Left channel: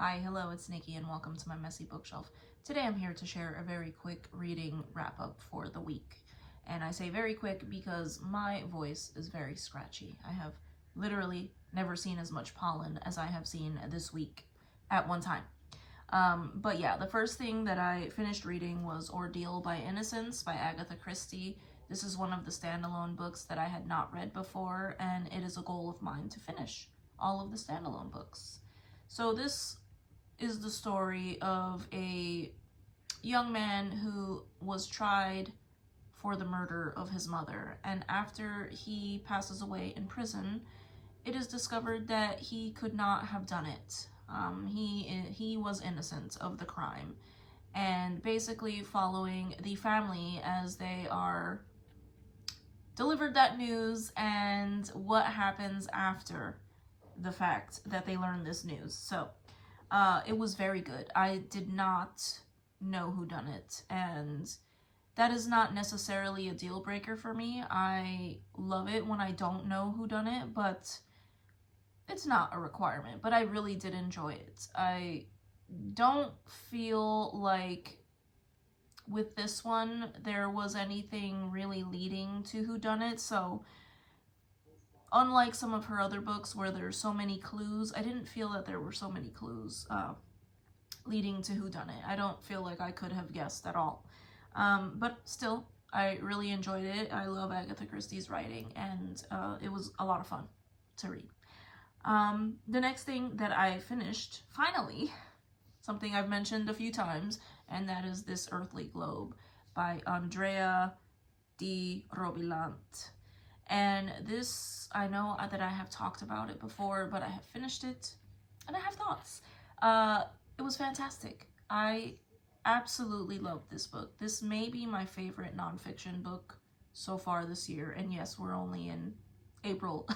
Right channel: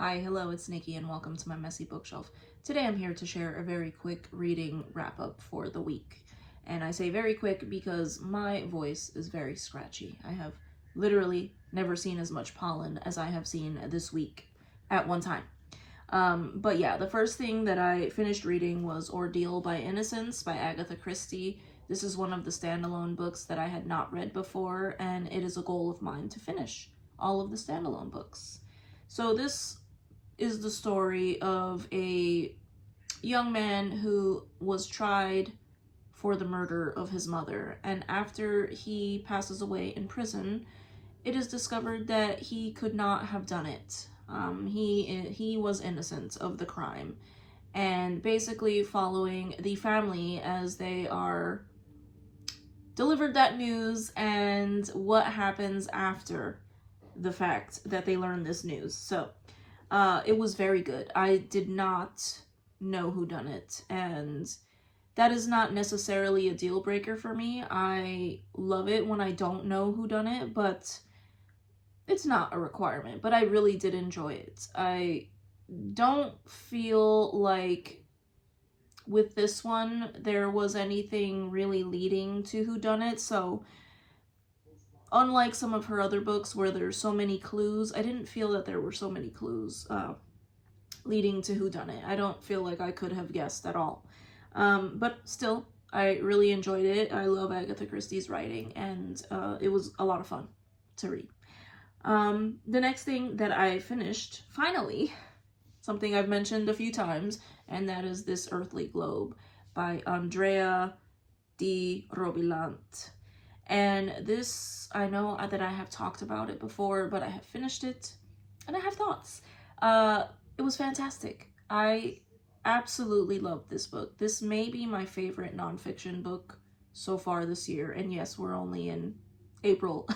Hi, hello, it's Nikki and welcome to my messy bookshelf. Today I'm here to share a very quick reading wrap-up for the week. And I say very quick because my voice is very scratchy. I have literally never seen as much pollen as I have seen this week at one time. But yeah, the first thing that I finished reading was Ordeal by Innocence by Agatha Christie. This is one of the standalone books that I had not read before, and it is a goal of mine to finish all of the standalone books. So this is the story of a young man who was tried for the murder of his mother, and after he passes away in prison, it is discovered that he could not have done it. He was innocent of the crime, and basically following the family as they are delivered that news and what happens after the fact that they learn this news. So it was very good. I did not know who done it, and that is not necessarily a deal breaker for me. I love it when I don't know who done it, but it's not a requirement. But I really did enjoy it. I don't feel like with this one there was anything really leading to who done it, so unlike some of her other books where there's so many clues, I didn't feel that there were so many clues leading to whodunit. I don't feel like I could have guessed at all. But still, I really enjoyed it. I love Agatha Christie's writing, and it was a lot of fun to read. The next thing that I finished, finally, something I've mentioned a few times, and that is This Earthly Globe by Andrea di Robilant. And this, I know that I have talked about it before, but I have finished it, and I have thoughts. It was fantastic. I absolutely loved this book. This may be my favorite nonfiction book so far this year, and yes, we're only in April,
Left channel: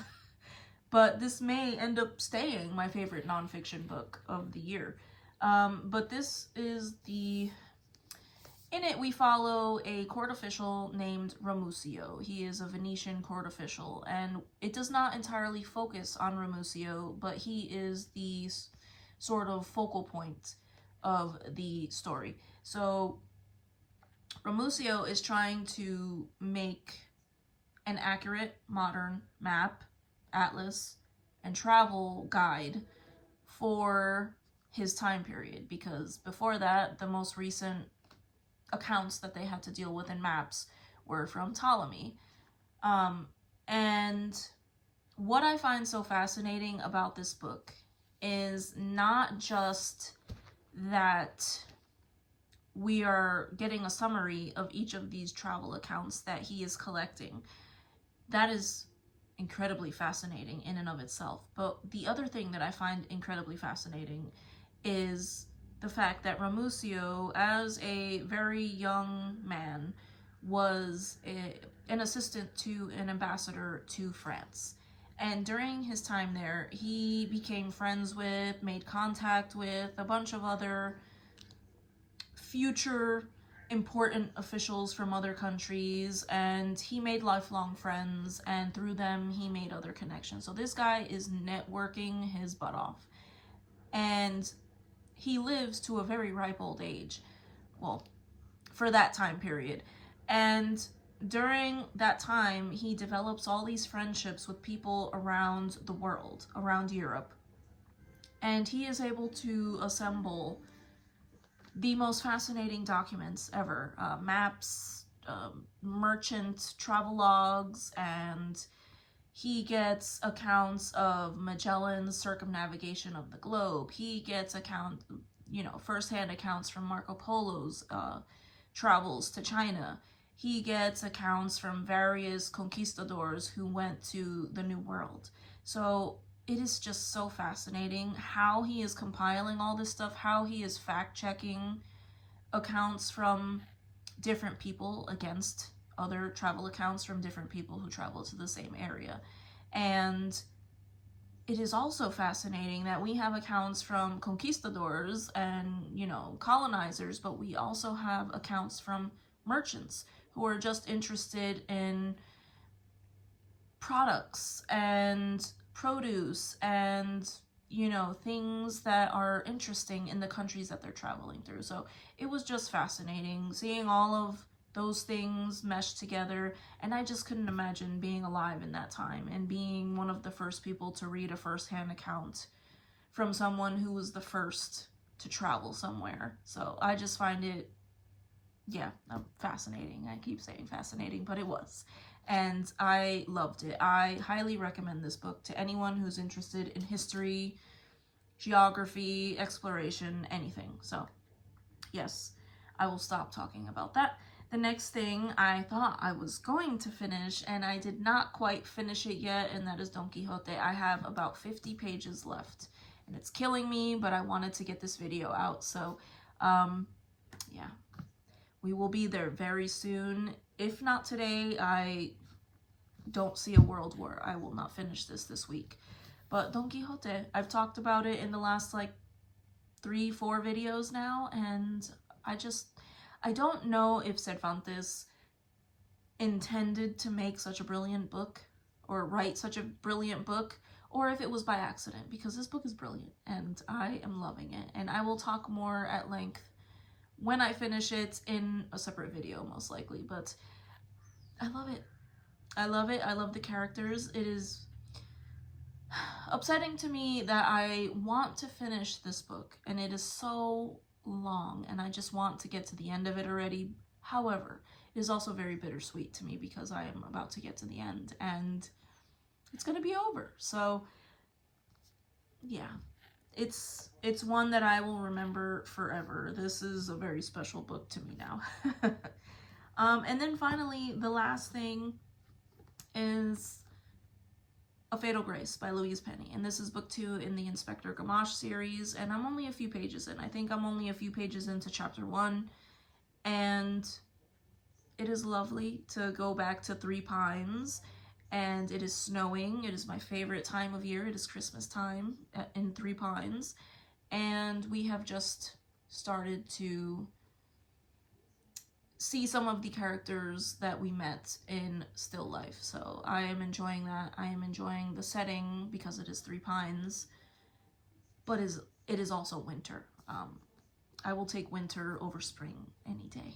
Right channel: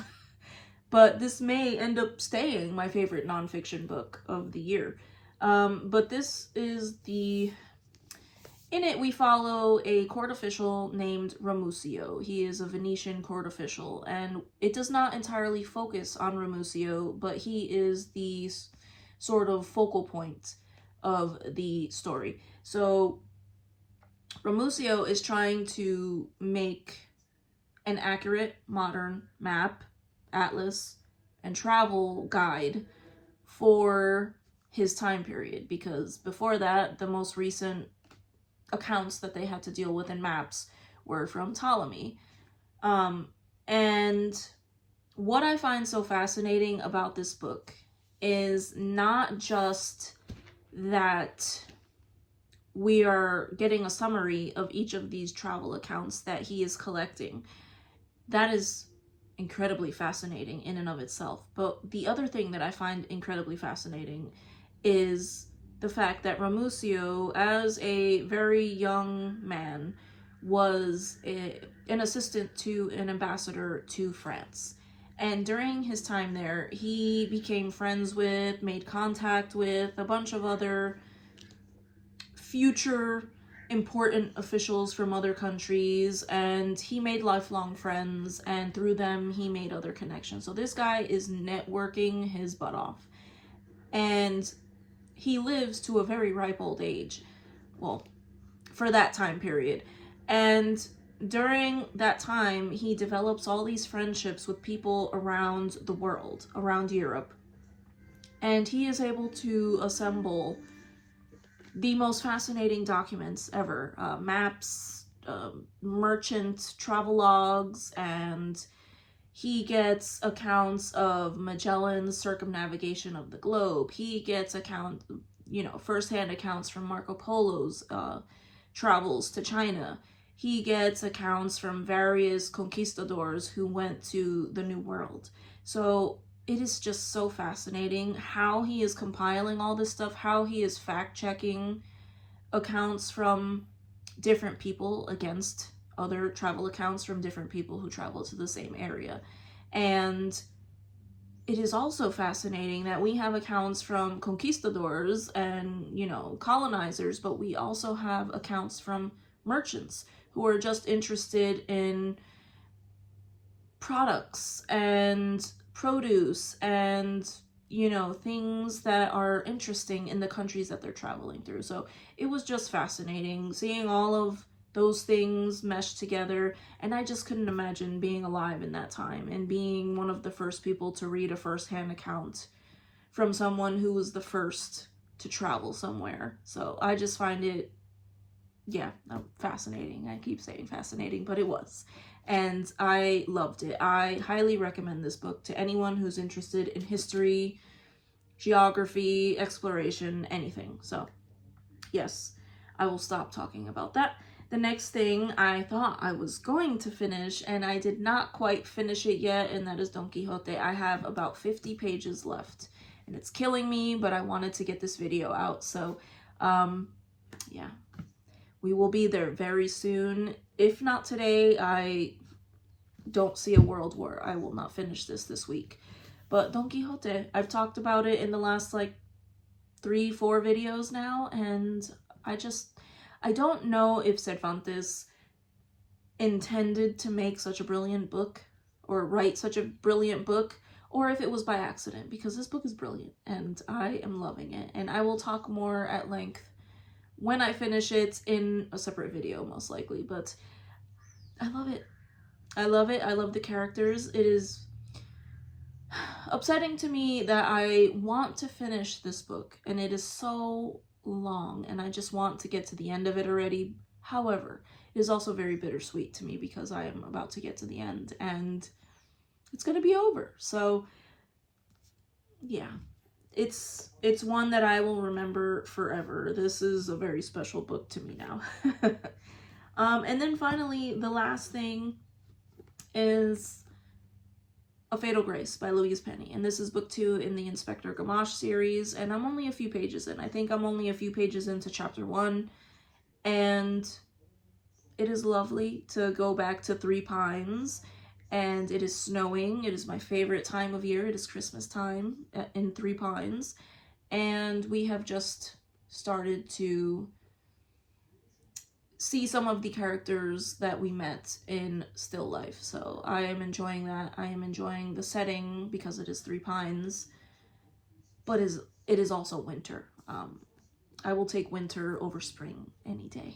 but this may end up staying my favorite nonfiction book of the year. But this is in it, we follow a court official named Ramusio. He is a Venetian court official, and it does not entirely focus on Ramusio, but he is the sort of focal point of the story. So Ramusio is trying to make an accurate modern map, atlas, and travel guide for his time period, because before that, the most recent accounts that they had to deal with in maps were from Ptolemy. And what I find so fascinating about this book is not just that we are getting a summary of each of these travel accounts that he is collecting. That is incredibly fascinating in and of itself. But the other thing that I find incredibly fascinating is the fact that Ramusio, as a very young man, was an assistant to an ambassador to France. And during his time there, he became friends with, made contact with a bunch of other future important officials from other countries, and he made lifelong friends, and through them he made other connections. So this guy is networking his butt off, and he lives to a very ripe old age, well, for that time period. And during that time, he develops all these friendships with people around the world, around Europe. And he is able to assemble the most fascinating documents ever. Maps, merchant travel logs, and he gets accounts of Magellan's circumnavigation of the globe. He gets first-hand accounts from Marco Polo's travels to China. He gets accounts from various conquistadors who went to the New World. So it is just so fascinating how he is compiling all this stuff, how he is fact-checking accounts from different people against other travel accounts from different people who travel to the same area. And it is also fascinating that we have accounts from conquistadors and, colonizers, but we also have accounts from merchants who are just interested in products and produce and, you know, things that are interesting in the countries that they're traveling through. So it was just fascinating seeing all of those things meshed together, and I just couldn't imagine being alive in that time and being one of the first people to read a first-hand account from someone who was the first to travel somewhere. So I just find it, yeah, fascinating. I keep saying fascinating, but it was. And I loved it. I highly recommend this book to anyone who's interested in history, geography, exploration, anything. So, yes, I will stop talking about that. The next thing I thought I was going to finish, and I did not quite finish it yet, and that is Don Quixote. I have about 50 pages left, and it's killing me, but I wanted to get this video out, so, yeah. We will be there very soon. If not today, I don't see a world where I will not finish this week. But Don Quixote, I've talked about it in the last, like, 3-4 videos now, and I don't know if Cervantes intended to make such a brilliant book, or write such a brilliant book, or if it was by accident, because this book is brilliant, and I am loving it, and I will talk more at length when I finish it in a separate video, most likely, but I love it. I love it. I love the characters. It is upsetting to me that I want to finish this book, and it is so long, and I just want to get to the end of it already. However, it is also very bittersweet to me because I am about to get to the end, and it's going to be over. So, yeah. It's one that I will remember forever. This is a very special book to me now. And then finally, the last thing is A Fatal Grace by Louise Penny. And this is book 2 in the Inspector Gamache series, and I'm only a few pages in. I think I'm only a few pages into chapter 1, and it is lovely to go back to Three Pines, and it is snowing. It is my favorite time of year. It is Christmas time in Three Pines, and we have just started to see some of the characters that we met in Still Life. So I am enjoying that. I am enjoying the setting because it is Three Pines, but it is also winter. I will take winter over spring any day.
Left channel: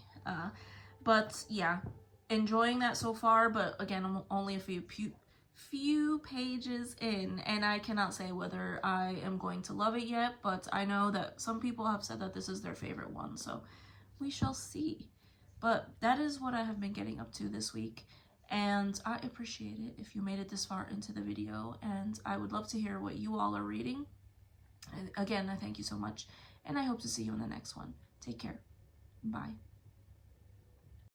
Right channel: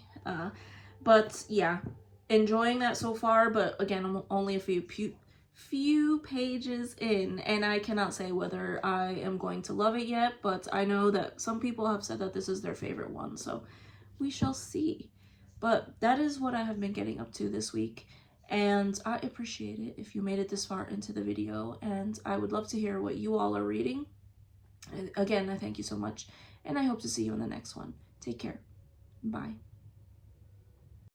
But yeah, enjoying that so far, but again, I'm only a few pages in, and I cannot say whether I am going to love it yet, but I know that some people have said that this is their favorite one, so we shall see. But that is what I have been getting up to this week, and I appreciate it if you made it this far into the video, and I would love to hear what you all are reading. Again, I thank you so much, and I hope to see you in the next one. Take care. Bye.